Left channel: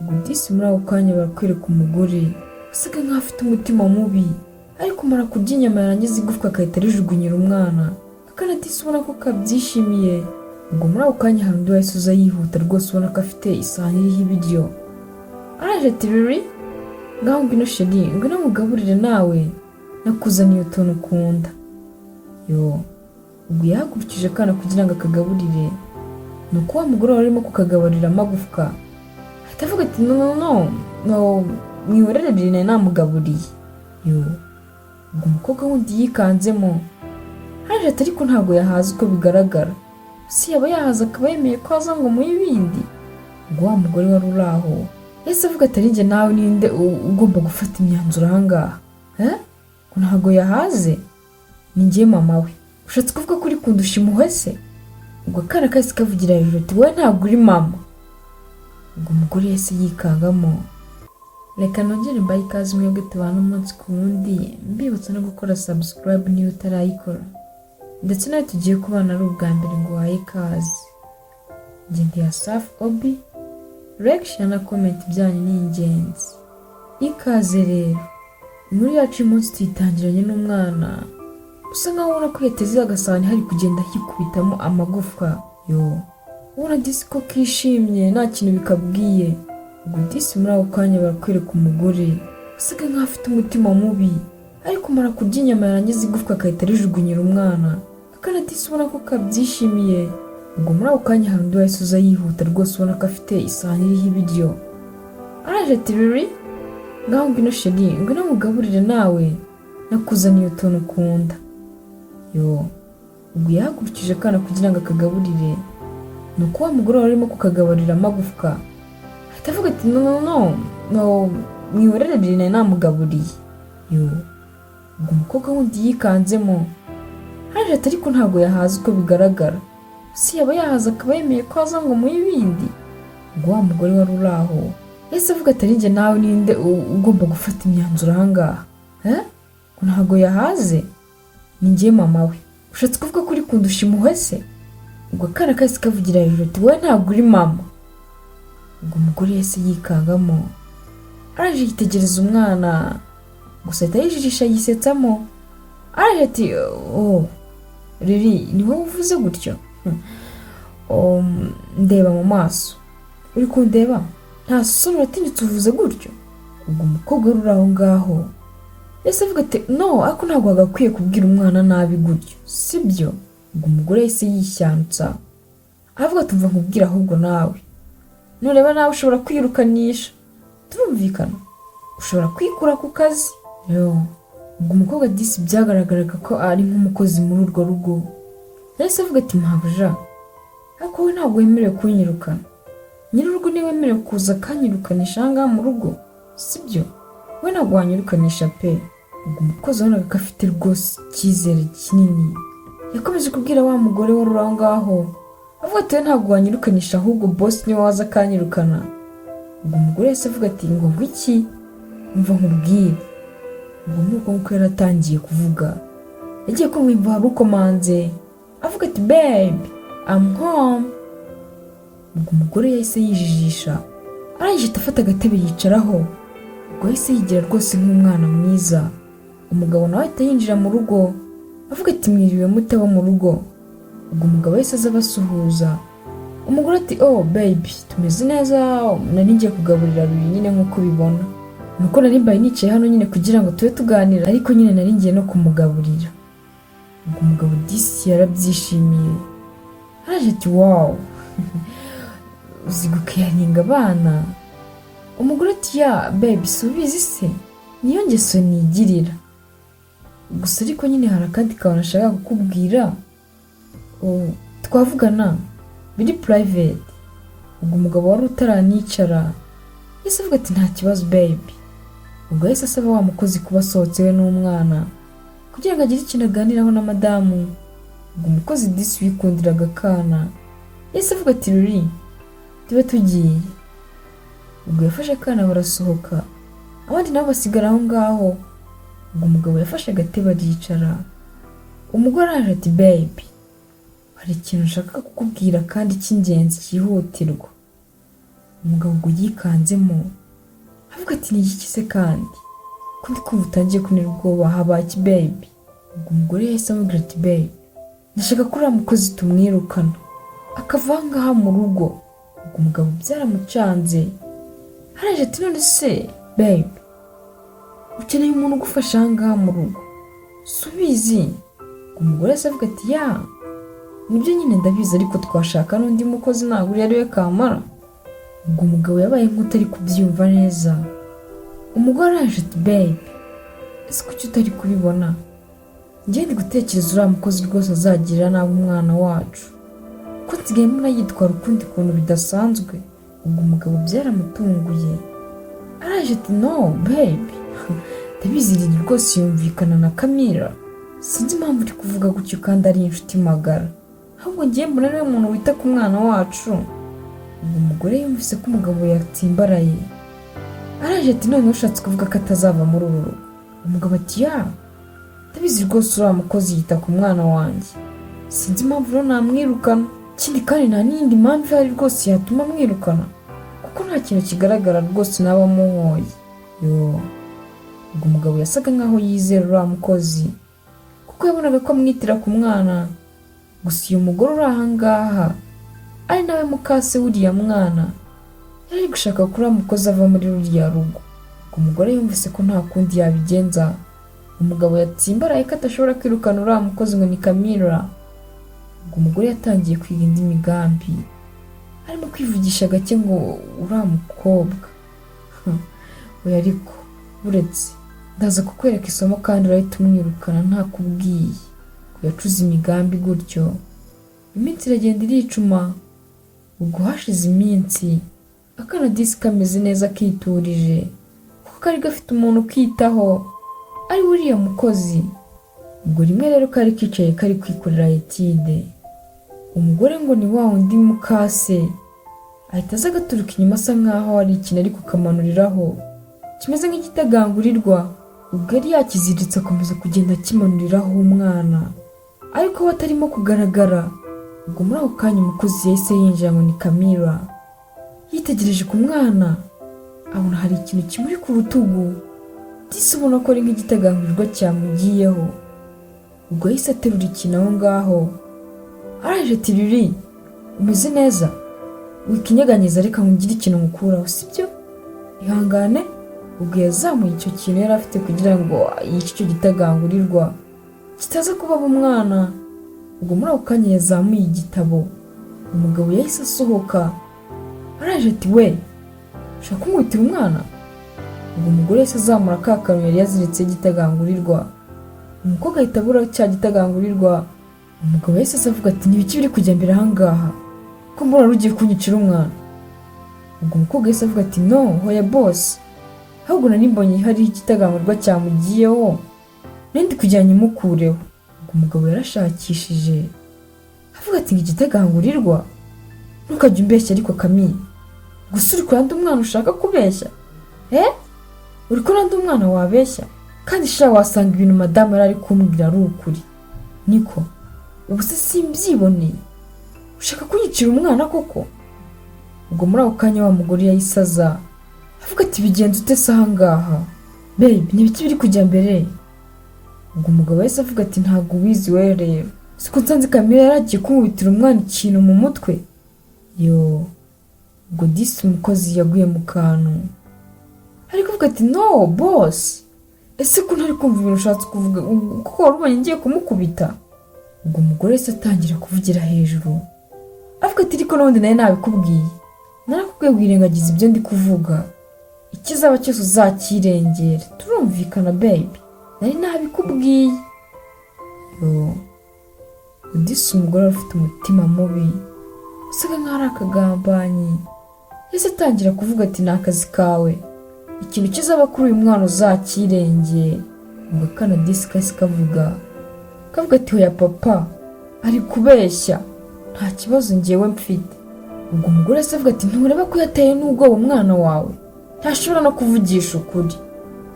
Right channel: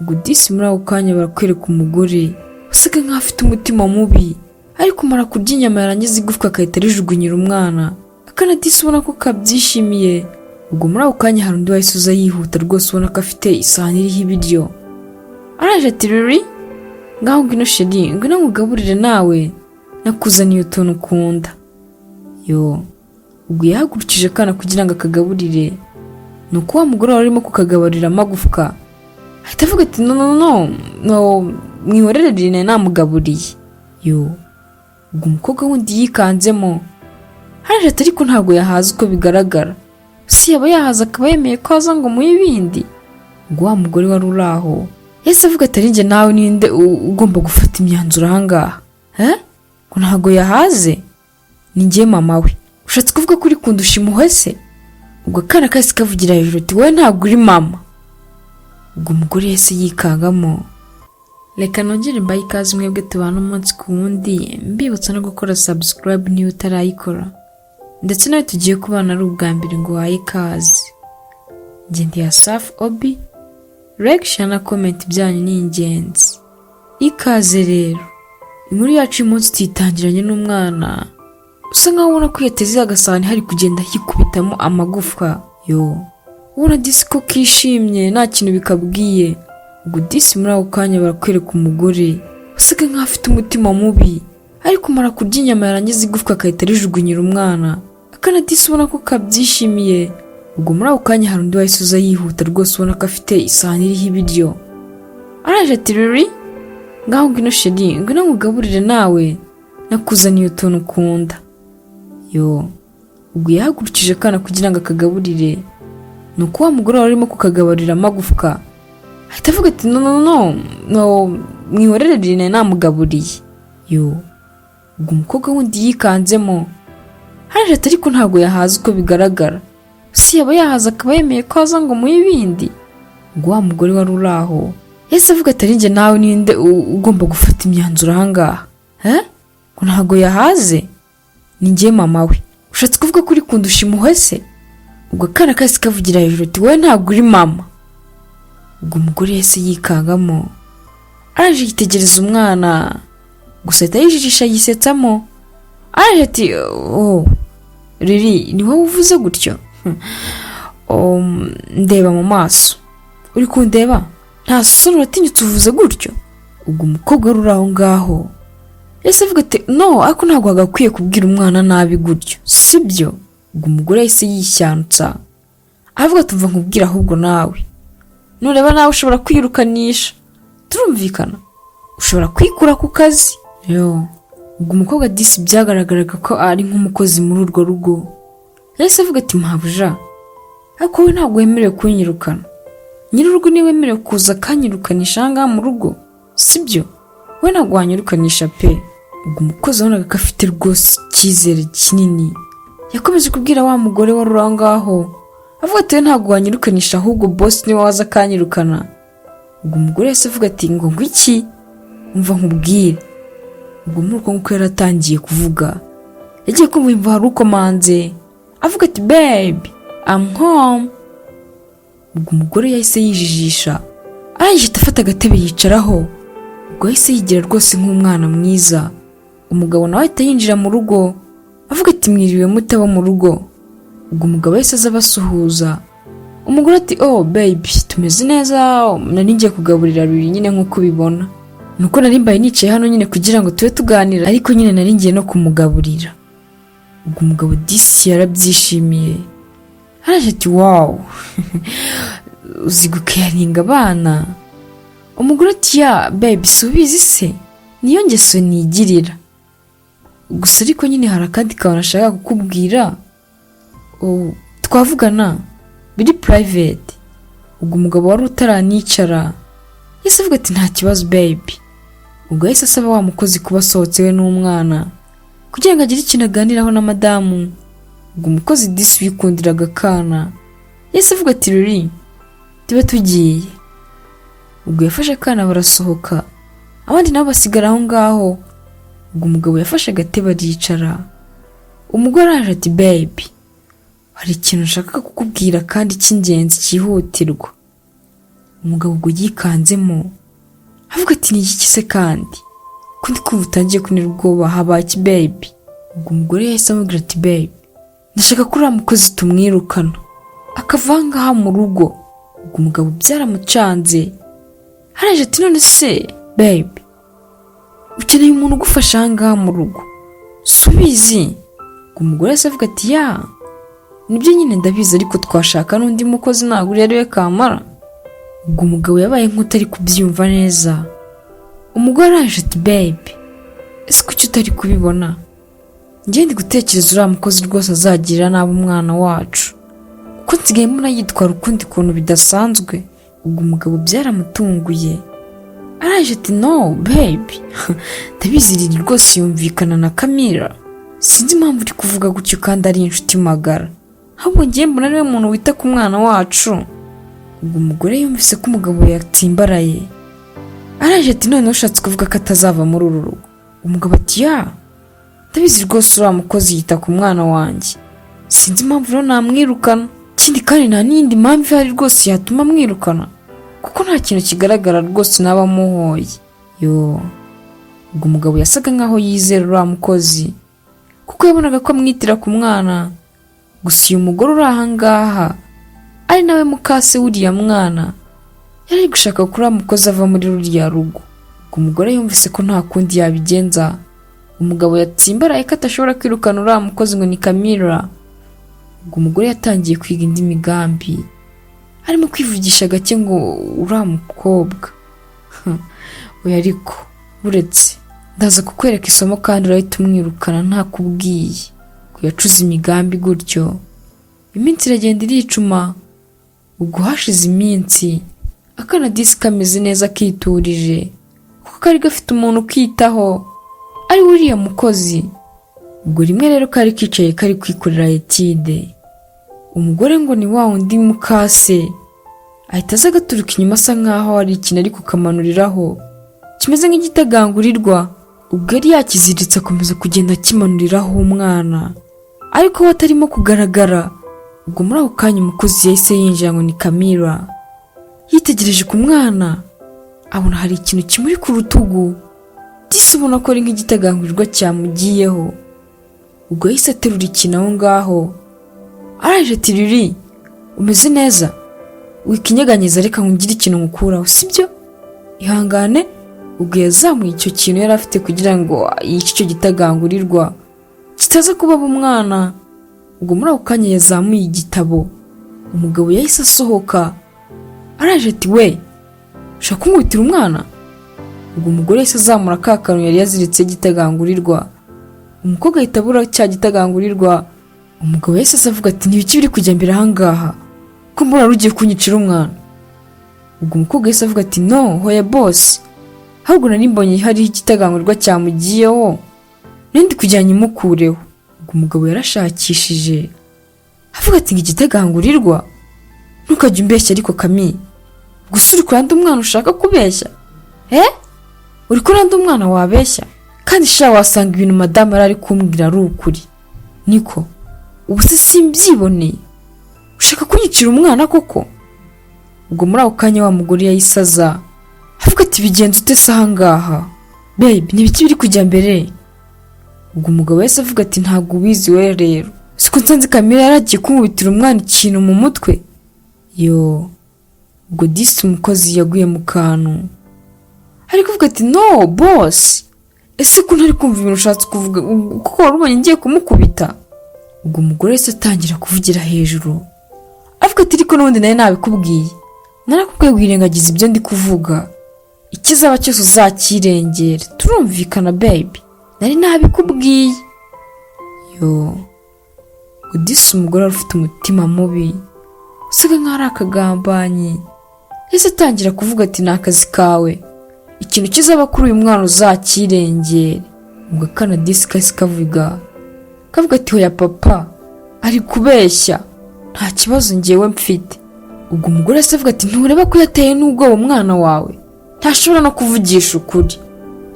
ubwo disi muri ako kanya barakwereka umugore usaga nk'aho afite umutima mubi ariko mara kurya inyama yarangiza igufwa akahita rijugunyira umwana akana disi ubona ko kabyishimiye. Ubwo muri ako kanya hari undi wahise uza yihuta rwose ubona ko afite isahani iriho ibiryo. Araje ati ruri ngaho ngwino sheri ngwino nkugaburire nawe nakuzaniye utuntu ukunda. Ubwo yahagurukije akana kugira ngo akagaburire nuko wa mugore wari arimo kukagaburira amagufwa ahita avuga ati no mwihorere rine namugaburiye. Ubwo umukobwa wundi yikanzemo araje ati ariko ntabwo yahaza uko bigaragara si yaba yahaza akaba yemeye ko aza ngo muhe ibindi. Ubwo wa mugore wari uri aho yahise avuga ati ari njye nawe ninde ugomba gufata imyanzuro ahangaha ko ntabwo yahaze ni njye mama we ushatse kuvuga ko uri kundusha impuhwe se. Ubwo akana kahise kavugira hejuru ati wowe ntabwo uri mama. Ubwo umugore yahise yikangamo. Reka nongere mbaye ikaze mwebwe tubana umunsi ku wundi mbibutsa no gukora subscribe niba utarayikora ndetse nawe tugiye kubana ari ubwa mbere ngo wahe ikaze. Njye ndi Asaf Obi, like na comment byanyu ni ingenzi. Ikaze rero inkuru yacu umunsi tuyitangiranye n'umwana usa nkaho ubona ko yateze agasahani hari kugenda hikubitamo amagufwa. Ubona disi ko kishimye nta kintu bikabwiye. Ubwo disi muri ako kanya barakwereka umugore usaga nk'aho afite umutima mubi ariko mara kurya inyama yarangiza igufwa akahita rijugunyira umwana akana disi ubona ko kabyishimiye. Ubwo muri ako kanya hari undi wahise uza yihuta rwose ubona ko afite isahani iriho ibiryo. Araje ati ruri ngaho ngwino sheri ngwino nkugaburire nawe nakuzaniye utuntu ukunda. Ubwo yahagurukije akana kugira ngo akagaburire nuko wa mugore wari arimo kukagaburira amagufwa ahita avuga ati no mwihorere rine namugaburiye. Ubwo umukobwa wundi yikanzemo araje ati ariko ntabwo yahaza uko bigaragara si yaba yahaza akaba yemeye ko aza ngo muhe ibindi. Ubwo wa mugore wari uri aho yahise avuga ati ari njye nawe ninde ugomba gufata imyanzuro ahangaha ko ntabwo yahaze ni njye mama we ushatse kuvuga ko uri kundusha impuhwe se. Ubwo akana kahise kavugira hejuru ati wowe ntabwo uri mama. Ubwo umugore yahise yikangamo araje yitegereza umwana gusa ahita yijijisha yisetsamo. Araje ati riri ni wowe uvuze gutyo ndeba mu maso uri kundeba nta soni uratinyutse uvuze gutyo. Ubwo umukobwa wari uri aho ngaho yahise avuga ati no ariko ntabwo wagakwiye kubwira umwana nabi gutyo sibyo. Ubwo umugore yahise yishyantsa avuga ati mva nkubwira ahubwo nawe nureba nawe ushobora kwirukanisha turumvikana ushobora kwikura ku kazi. Ubwo umukobwa disi byagaragaraga ko ari nk'umukozi muri urwo rugo yahise avuga ati mpabuja ariko we ntabwo wemerewe kunyirukana nyir'urugo niwe wemerewe kuza akanyirukanisha ahangaha mu rugo sibyo we ntabwo wanyirukanisha pe. Ubwo umukozi wabonaga ko afite rwose icyizere kinini yakomeje kubwira wa mugore wari uri aho ngaho avuga ati ntabwo wanyirukanisha ahubwo boss niwe waza akanyirukana. Ubwo umugore yahise avuga ati ngo iki umva nkubwire. Ubwo muri uko nguko yaratangiye kuvuga yagiye kumva hari ukomanze avuga ati babe I'm home. Ubwo umugore yahise yijijisha arangije afata agatebe yicaraho. Ubwo yahise yigira rwose nk'umwana mwiza. Umugabo nawe ahita yinjira mu rugo avuga ati mwiriwe mutaba mu rugo. Ubwo umugabo yahise aza abasuhuza. Umugore ati baby tumeze neza nari ngiye kugaburira ruri nyine nk'uko ubibona nuko nari mbaye nicaye hano nyine kugira ngo tube tuganira ariko nyine nari ngiye no kumugaburira. Ubwo umugabo disi yarabyishimiye araje ati wow uzi gukaringa abana. Umugore ati ya baby subizi se niyo ngeso nigirira gusa ariko nyine hari akandi kantu nashaka kukubwira twavugana biri private. Ubwo umugabo wari utaranicara yahise avuga ati nta kibazo baby. Ubwo yahise asaba wa mukozi kuba asohotsewe n'umwana kugira ngo agire ikintu aganiraho na madamu. Ubwo umukozi disi wikundiraga akana yahise avuga ati ruri tuba tugiye. Ubwo yafashe akana barasohoka abandi nabo basigara aho ngaho. Ubwo umugabo yafashe agatebe aricara. Umugore araje ati baby hari ikintu nshaka kukubwira kandi cy'ingenzi cyihutirwa. umugabo ubwo yikanzemo avuga ati ni iki se kandi ko ndi kumva utangiye kunira ubwoba, habaye iki baby? Ubwo umugore yahise amubwira ati baby, ndashaka ko uriya mukozi tumwirukana akava aha ngaha mu rugo. Ubwo umugabo byaramucanze araje ati none se baby, ukeneye umuntu ugufasha aha ngaha mu rugo subizi? Ubwo umugore yahise avuga ati ya nibyo nyine ndabizi, ariko twashaka n'undi mukozi ntabwo uri ariwe kamara. Ubwo umugabo yabaye nk'utari kubyumva neza. Umugore araje ati baby, ese kuki utari kubibona? Njye ndi gutekereza uriya mukozi rwose azagirira nabi umwana wacu, kuko nsigaye mbona yitwara ukundi kuntu bidasanzwe. Ubwo umugabo byaramutunguye araje ati no baby, ndabizi riri rwose yumvikana na Kamira, sinzi impamvu uri kuvuga gutyo kandi ari inshuti magara, ahubwo ngiye mbona ariwe muntu wita ku mwana wacu. Ubwo umugore yumvise ko umugabo yatsimbaraye araje ati none ushatse kuvuga ko atazava muri uru rugo? Umugabo ati ya ndabizi rwose uriya mukozi yita ku mwana wanjye, sinzi impamvu rero namwirukana, ikindi kandi nta n'iyindi mpamvu ihari rwose yatuma mwirukana, kuko nta kintu kigaragara rwose naba muhoye. Yo, ubwo umugabo yasaga nkaho yizera uriya mukozi kuko yabonaga ko amwitira ku mwana. Gusa uyu mugore uri aha ngaha ari nawe mukase w'uriya mwana yari gushaka ko uriya mukozi ava muri ruriya rugo. Ubwo umugore yumvise ko nta kundi yabigenza, umugabo yatsimbaraye ko atashobora kwirukana uriya mukozi ngo ni Kamira. Ubwo umugore yatangiye kwiga indi migambi, arimo kwivugisha gake ngo uriya mukobwa we, ariko uretse ndaza kukwereka isomo kandi urahita umwirukana ntakubwiye. Ngo yacuze imigambi gutyo, iminsi iragenda iricuma. Ubwo hashize iminsi akana disi kameze neza kiturije, kuko kari gafite umuntu ukitaho ari uriya mukozi. Ubwo rimwe rero kari kicaye kari kwikorera etide. Umugore ngo ni wa undi mukase ahita aza agaturuka inyuma asa nkaho hari ikintu ari kukamanuriraho kimeze nk'igitagangurirwa. Ubwo yari yakiziritse akomeza kugenda akimanuriraho umwana, ariko we atarimo kugaragara. Ubwo muri ako kanya umukozi yahise yinjira ngo ni Kamira. Yitegereje ku mwana abona hari ikintu kimuri ku rutugu, disi ubona ko ari nk'igitagangurirwa cyamugiyeho. Ubwo yahise aterura ikintu aho ngaho araje ati riri umeze neza, wikinyeganyeza reka ngire ikintu ngukuraho sibyo, ihangane. Ubwo yazamuye icyo kintu yari afite kugira ngo yice icyo gitagangurirwa kitaza kubaba umwana. Ubwo muri ako kanya yazamuye igitabo. Umugabo yahise asohoka araje ati we, ushaka kumwitira umwana? Ubwo umugore yahise azamura ka kantu yari yaziritse gitagangurirwa. Umukobwa ahita abura cya gitagangurirwa. Umugabo yahise avuga ati n'ibiki biri kujya mbere aha ngaha, ko mbona rugiye kunyicira umwana? Ubwo umukobwa yahise avuga ati no hoya boss, ahubwo nari mbonye hari igitagangurirwa cyamugiyeho n'indi kujyanye imukureho. Ubwo umugabo yarashakishije avuga ati ngo igitagangurirwa, ntukajya umbeshya ariko Kami, gusa uri kuranda umwana ushaka kubeshya? Uri kuranda umwana wabeshya? Kandi sha wasanga ibintu madamu ari kumbwira ari ukuri. Niko ubu se simbyiboneye, ushaka kunyicira umwana koko? Ubwo muri ako kanya wa mugore yayisaza avuga ati bigenze ute se aha ngaha baby, n'ibiki biri kujya mbere? Ubwo umugabo yahise avuga ati ntabwo ubizi we rero, siko nsanze Kamira yaragiye kumubitira umwana ikintu mu mutwe. Yo, ubwo disi umukozi yaguye mu kantu ari kuvuga ati no boss, ese ko ntari kumva ibintu ushatse kuvuga kuko warubonye ngiye kumukubita? Ubwo umugore yahise atangira kuvugira hejuru avuga ati ariko n'ubundi nawe nabikubwiye, narakubwiye wirengagiza ibyo ndi kuvuga, ikizaba cyose uzakirengera, turumvikana baby, nari nabikubwiye. Yo, udisi umugore ufite umutima mubi usaga nkaho ari akagambanyi yahise atangira kuvuga ati ni akazi kawe, ikintu kizaba kuri uyu mwana uzakirengera. Ubwo akana disi kahise kavuga ati hoya papa ari kubeshya, nta kibazo ngewe mfite. Ubwo umugore yahise avuga ati ntureba ko yateye n'ubwoba umwana wawe, ntashobora no kuvugisha ukuri,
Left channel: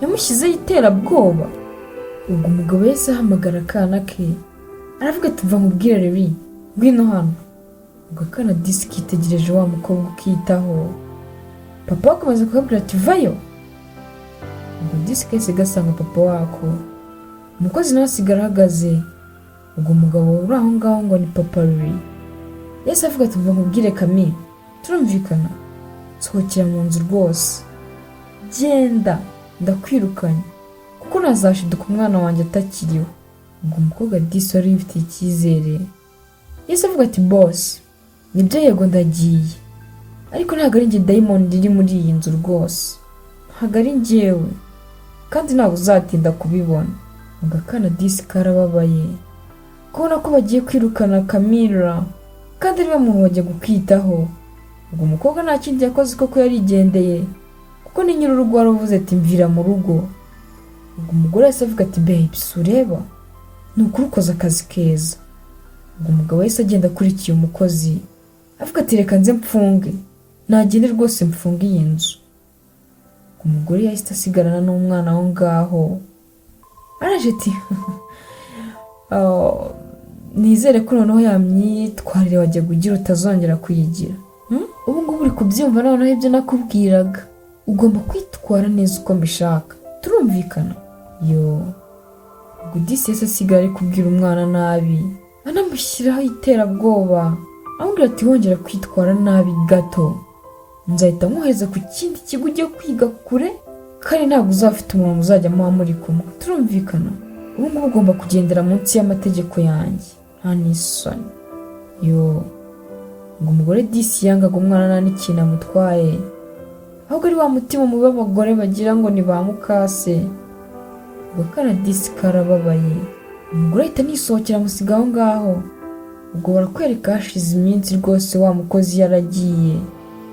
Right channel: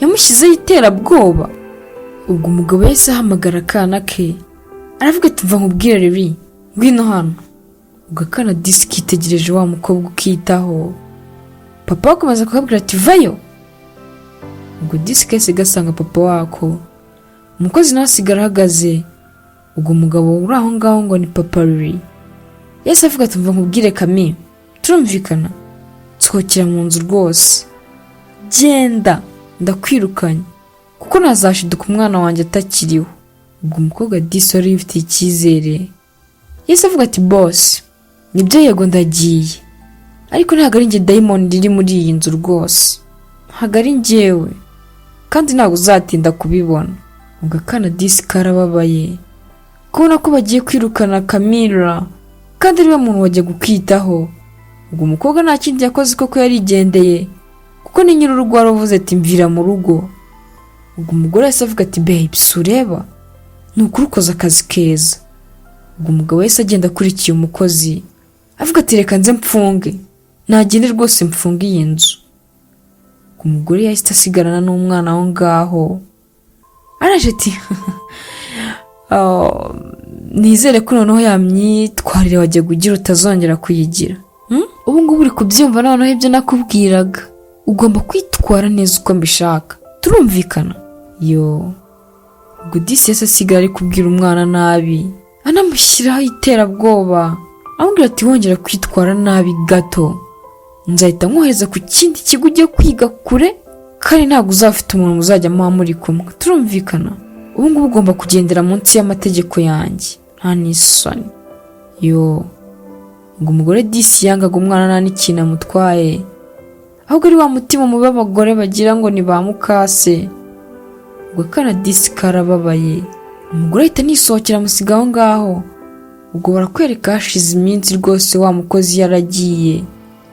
yamushyizeho iterabwoba. Ubwo umugabo yahise ahamagara akana ke aravuga ati mva nkubwire riri ngwino hano. Ubwo akana disi kitegereje wa mukobwa ukitaho papa akomeza kukabwira ati vayo. Ubwo disi kese gasanga papa wako. Umukozi nawe asigara ahagaze. Ubwo umugabo uri aho ngaho ngo ni papa Riri yahise avuga ati mva nkubwire Kami, turumvikana, nsohokera mu nzu rwose, genda ndakwirukanye kuko nazashiduka umwana wanjye atakiriho. Ubwo umukobwa disi wari yifitiye icyizere yahise avuga ati boss, nibyo yego ndagiye, ariko ntabwo ari njye diamond riri muri iyi nzu rwose, ntabwo ari njyewe kandi ntabwo uzatinda kubibona. Ubwo akana disi karababaye kubona ko bagiye kwirukana Camilla kandi ariwe muntu wajya gukwitaho. Ubwo umukobwa nta kindi yakoze koko yarigendeye kuko ni nyir'urugo waravuze ati mvira mu rugo. Ubwo umugore yahise avuga ati babe sureba ni ukuri ukoze akazi keza. Ubwo umugabo yahise agenda akurikiye umukozi avuga ati reka nze mfunge, nagende rwose mfunge iyi nzu. Ubwo umugore yahise asigarana n'umwana aho ngaho araje ati nizere ko noneho yamyitwarire wajya kugira utazongera kuyigira. Ubu ngubu uri kubyumva noneho ibyo nakubwiraga, ugomba kwitwara neza uko mbishaka, turumvikana? Yo. Ubwo disi yahise asigara ari kubwira umwana nabi, anamushyiraho iterabwoba, amubwira ati wongera kwitwara nabi gato nzahita nkohereza ku kindi kigo ugiye kwiga kure kandi ntabwo uzafite umuntu muzajya muba muri kumwe, turumvikana? Ubu ngubu ugomba kugendera munsi y'amategeko yanjye, nta n'isoni. Yo. Ngo umugore disi yangaga umwana nta n'ikintu amutwaye, ahubwo ari wa mutima mubi abagore bagira ngo ni ba mukase. Ubwo akana disi karababaye, umugore ahita nisohokera amusiga aho ngaho. Ubwo barakwereka hashize iminsi rwose wa mukozi yaragiye,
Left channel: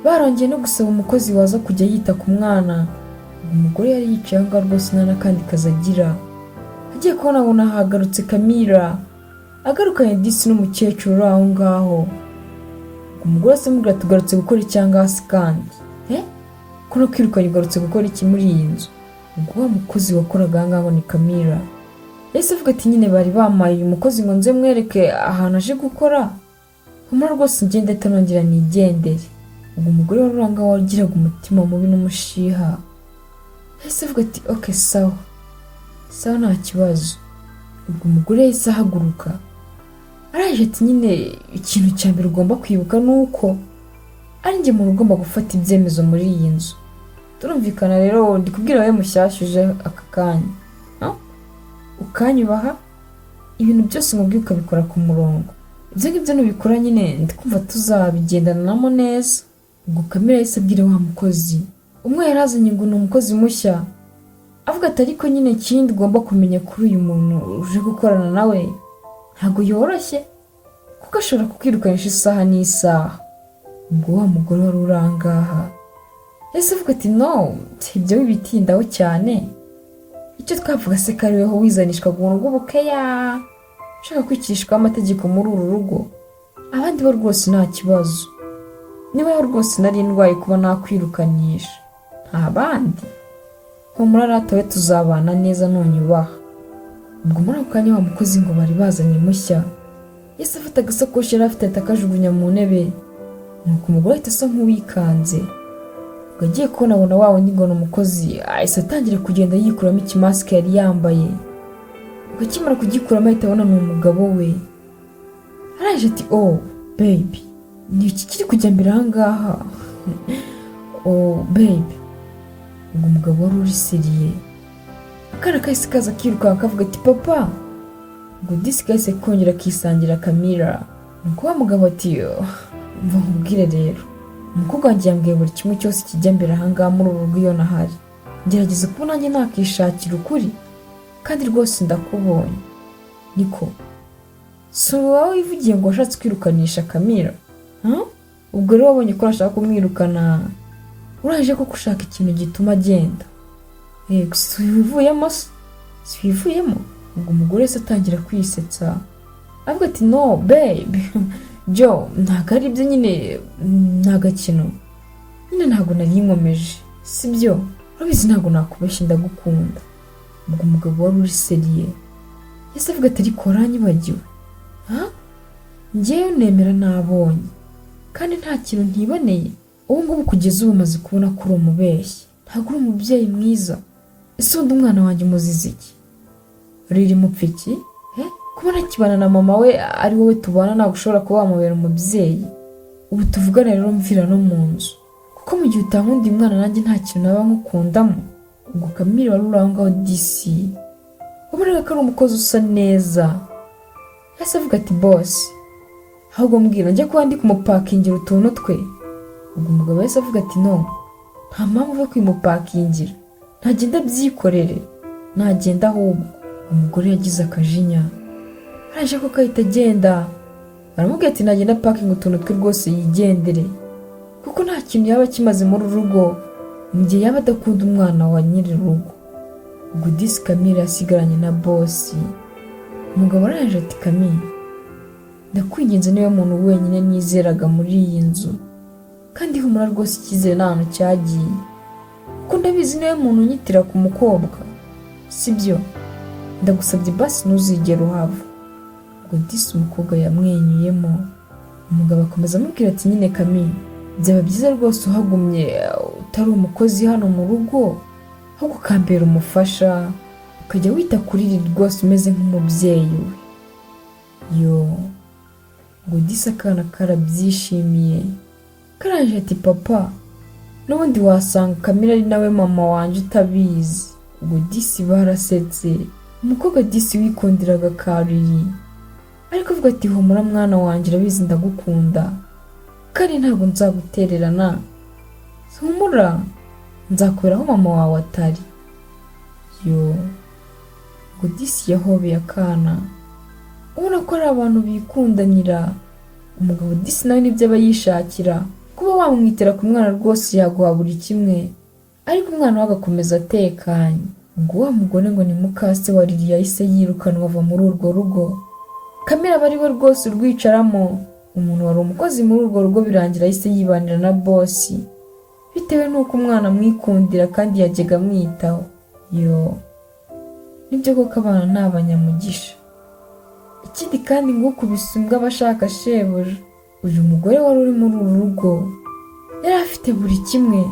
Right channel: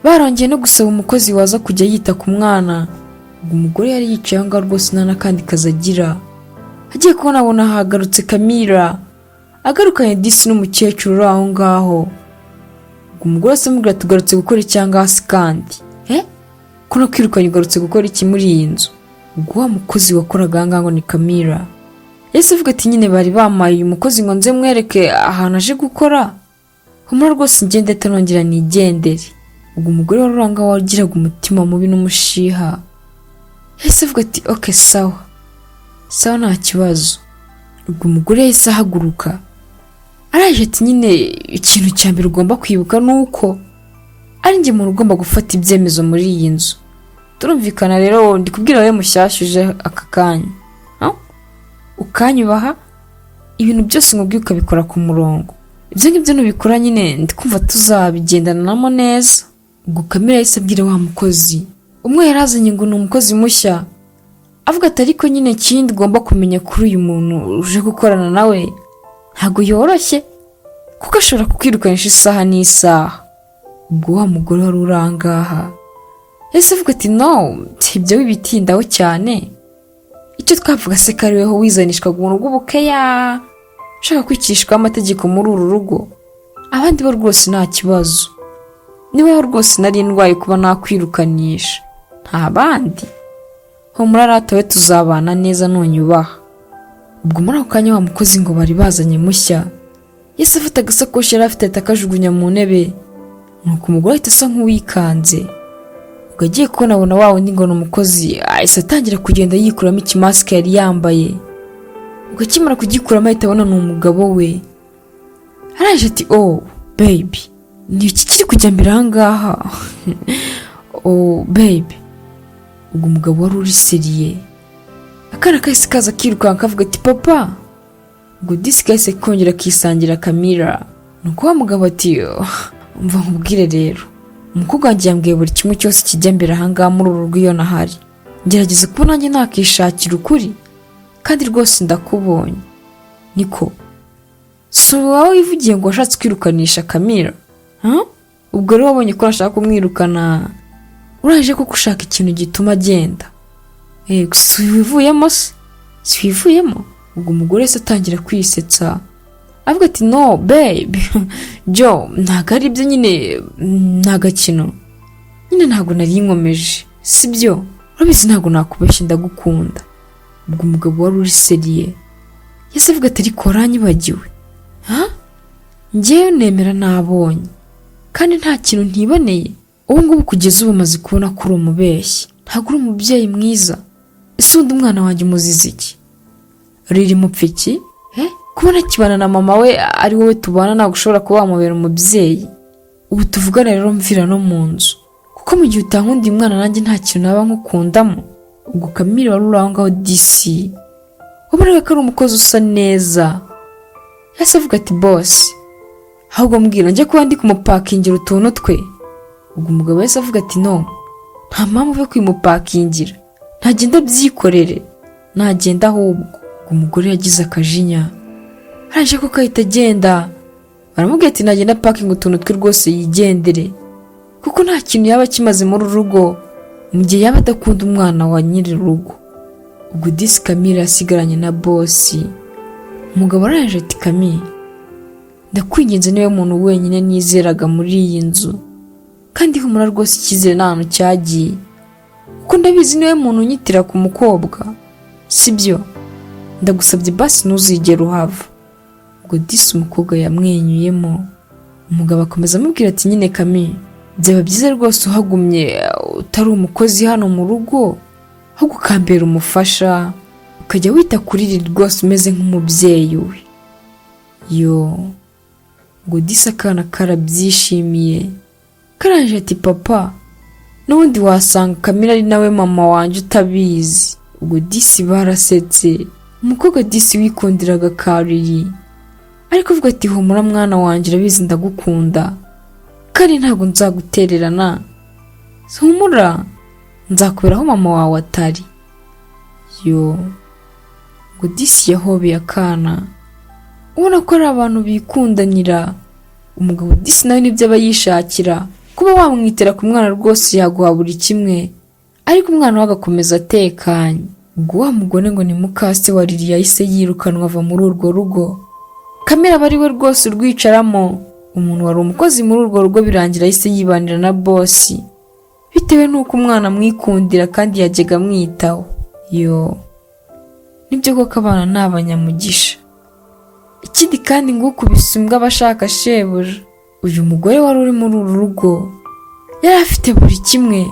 barongeye no gusaba umukozi waza kujya yita ku mwana. Ubwo umugore yari yicaye aho ngaho rwose nta n'akandi kazi agira, agiye kubona abona hagarutse Camilla agarukanye disi n'umukecuru uri aho ngaho. Ubwo umugore asa amubwira tugarutse gukora icyanga hasi kandi ko no kwirukanye ugarutse gukora iki muri iyi nzu? Ubwo wa mukozi wakoraga aha ngaho ni Camilla yahise avuga ati nyine bari bamaye uyu mukozi ngo nze mwereke ahantu aje gukora, humura rwose ngende atanongera nigendere. Ubwo umugore wari uri ngaho wagiraga umutima mubi n'umushiha yahise avuga ati okay sawa sawa nta kibazo. Ubwo umugore yahise ahaguruka araje ati nyine ikintu cya mbere ugomba kwibuka nuko ari njye muntu ugomba gufata ibyemezo muri iyi nzu, turumvikana? Rero ndi kubwira wowe mushyashyuje aka kanya, ukanyubaha ibintu byose ngubwiye ukabikora ku murongo, ibyo ngibyo nubikora nyine ndikumva tuzabigendanamo neza. Ubwo Camilla yahise abwira wa mukozi umwe yarazanye ngo ni umukozi mushya, avuga ati ariko nyine ikindi ugomba kumenya kuri uyu muntu uje gukorana nawe ntabwo yoroshye kuko ashobora kukwirukanisha isaha n'isaha. Ubwo wa mugore wari uri aha ngaha yahise avuga ati no ibyo wibitindaho cyane, icyo twavuga se ko ari weho wizanishwa mu rugo bukeya ushaka kwicishwa amategeko muri uru rugo, abandi bo rwose nta kibazo, niba rwose nari ndwaye kuba nakwirukanisha nta bandi, humura ratowe tuzabana neza nunyubaha. Ubwo muri ako kanya wa mukozi ngo bari bazanye mushya yahise afata agasakoshi yari afite atakajugunya mu ntebe, nuko umugore ahita asa nk'uwikanze. Ubwo agiye kubona abona wa wundi ngo ni umukozi ahise atangira kugenda yikuramo ikimasike yari yambaye. Ubwo akimara kugikuramo ahita abona ni umugabo we, araje ati oh baby ni iki kiri kujya mbere aha ngaha? Oh baby. Ubwo umugabo wari uri seriye akana kahise kaza kirukanka kavuga ati papa. Ubwo disi kahise kongera kisangira Camilla, nuko wa mugabo ati umva nkubwire rero umukobwa wanjye yambwiye buri kimwe cyose kijya mbere aha ngaha muri uru rugo iyo nahari, ngerageza kuba nanjye nakishakira ukuri kandi rwose ndakubonye. Niko si wowe wivugiye ngo washatse kwirukanisha Camilla? Ubwo rero wabonye ko ashaka kumwirukana uraje ko ushaka ikintu gituma agenda? Si wivuyemo se? Si wivuyemo? Ubwo umugore wese atangira kwisetsa avuga ati no babe jo ntabwo ari ibyo nyine, nta gakino nyine, ntabwo nari nkomeje sibyo, urabizi ntabwo nakubeshya ndagukunda. Ubwo umugabo wari uri seriye yahise avuga ati ariko waranyibagiwe? Njyewe nemera nabonye kandi nta kintu ntiboneye, ubu ngubu kugeza ubu maze kubona ko uri umubeshyi, ntabwo uri umubyeyi mwiza. Ese undi umwana wanjye umuzize iki? Riri mupfiki kubona kibana na mama we ari wowe tubana ntabwo ushobora kuba wamubera umubyeyi. Ubu tuvugana rero mvira no mu nzu, kuko mu gihe utankundi mwana nanjye nta kintu naba nkukundamo. Ubwo Kamire wari uri aho ngaho disi wabona ko ari umukozi usa neza, yahise avuga ati boss ahubwo mbwira njye kuba ndi kumupakingira utuntu twe. Ubwo umugabo yahise avuga ati no, nta mpamvu yo kwimupakingira, ntagenda byikorere, ntagenda ahubwo. Umugore yagize akajinya araje ko kahita agenda, baramubwira ati nagenda pakinga utuntu twe rwose yigendere, kuko nta kintu yaba kimaze muri urugo mu gihe yaba adakunda umwana wa nyiri urugo. Ubwo disi Kamire yasigaranye na bosi. Umugabo araje ati Kamire, ndakwinginze niwe muntu wenyine nizeraga muri iyi nzu, kandi humura rwose icyizere nta hantu cyagiye, kuko ndabizi niwe muntu unyitira ku mukobwa, sibyo? Ndagusabye basi ntuzigere uhava. Ubwo disi umukobwa yamwenyuyemo. Umugabo akomeza amubwira ati nyine Kamire, byaba byiza rwose uhagumye utari umukozi hano mu rugo, ahubwo ukambera umufasha, ukajya wita kuri Riri rwose umeze nk'umubyeyi we. Ubwo disi akana karabyishimiye, karaje ati papa, n'ubundi wasanga Kamire ari nawe mama wanjye utabizi. Ubwo disi barasetse. Umukobwa disi wikundiraga Kariri ariko uvuga ati humura mwana wanjye urabizi ndagukunda, kandi ntabwo nzagutererana, humura nzakubera aho mama wawe atari. Ubwo disi yahobeye akana, ubona ko ari abantu bikundanira. Umugabo disi nawe nibyo aba yishakira, kuba wamwitera ku mwana rwose yaguha buri kimwe, ariko umwana we agakomeza atekanye. Ubwo wa mugore ngo ni mukase wa Riri yahise yirukanwa ava muri urwo rugo. Kamire aba ari we rwose urwicaramo. Umuntu wari umukozi muri urwo rugo birangira yahise yibanira na bosi, bitewe n'uko umwana amwikundira kandi yajyaga amwitaho. Nibyo koko abana ni abanyamugisha. Ikindi kandi ngo ukubise imbwa abashaka shebuja. Uyu mugore wari uri muri uru rugo yari afite buri kimwe,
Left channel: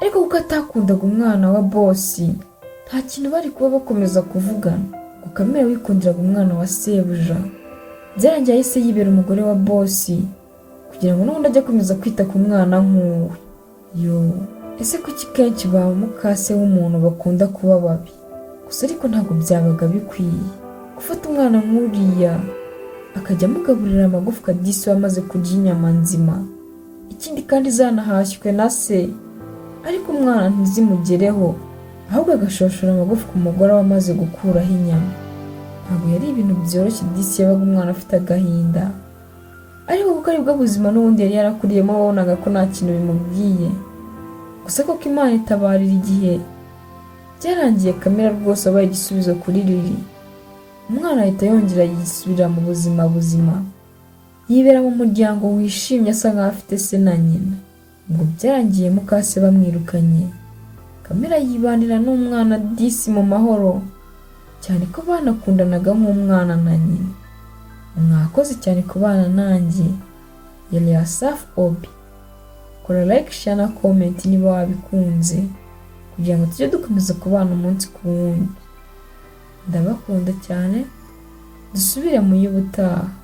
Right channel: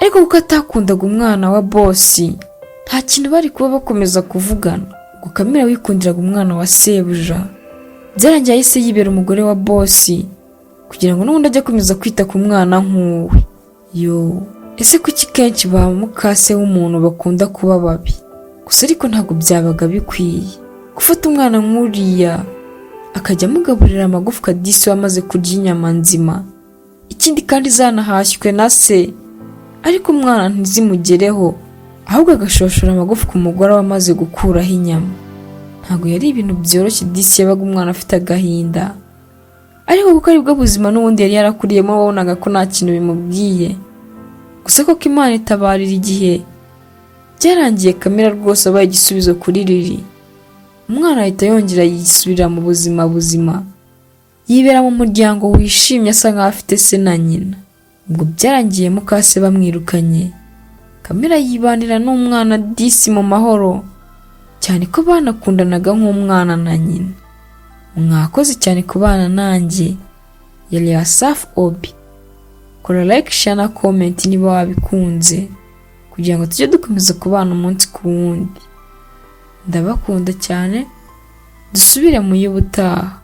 ariko kuko atakundaga umwana wa bosi nta kintu bari kuba bakomeza kuvugana. Ngo Kamire wikundiraga umwana wa sebuja byarangiye yahise yibera umugore wa bosi, kugira ngo n'ubundi ajye akomeza kwita ku mwana nk'uwe. Ese kuki kenshi ba mukase w'umuntu bakunda kuba babi? Gusa ariko ntabwo byabaga bikwiye gufata umwana nk'uriya akajya amugaburira amagufwa disi wamaze kurya inyama nzima, ikindi kandi zanahashywe na se, ariko umwana ntizimugereho, ahubwo agashoshora amagufwa umugore wamaze gukuraho inyama. Ntabwo yari ibintu byoroshye disi yabaga umwana afite agahinda, ariko kuko aribwo buzima n'ubundi yari yarakuriyemo wabonaga ko nta kintu bimubwiye. Gusa koko Imana itabarira igihe byarangiye Kamire rwose abaye igisubizo kuri Riri. Umwana ahita yongera yisubira mu buzima, yibera mu muryango wishimye asa nkaho afite se na nyina. Ubwo byarangiye mukase bamwirukanye, Kamire yibanira n'umwana disi mu mahoro, cyane ko banakundanaga nk'umwana na nyina. Mwakoze cyane kubana nanjye. Yari Asaf Obi. Kora like, share na comment niba wabikunze, kugira ngo tujye dukomeza kubana umunsi ku wundi. Ndabakunda cyane, dusubire mu y'ubutaha.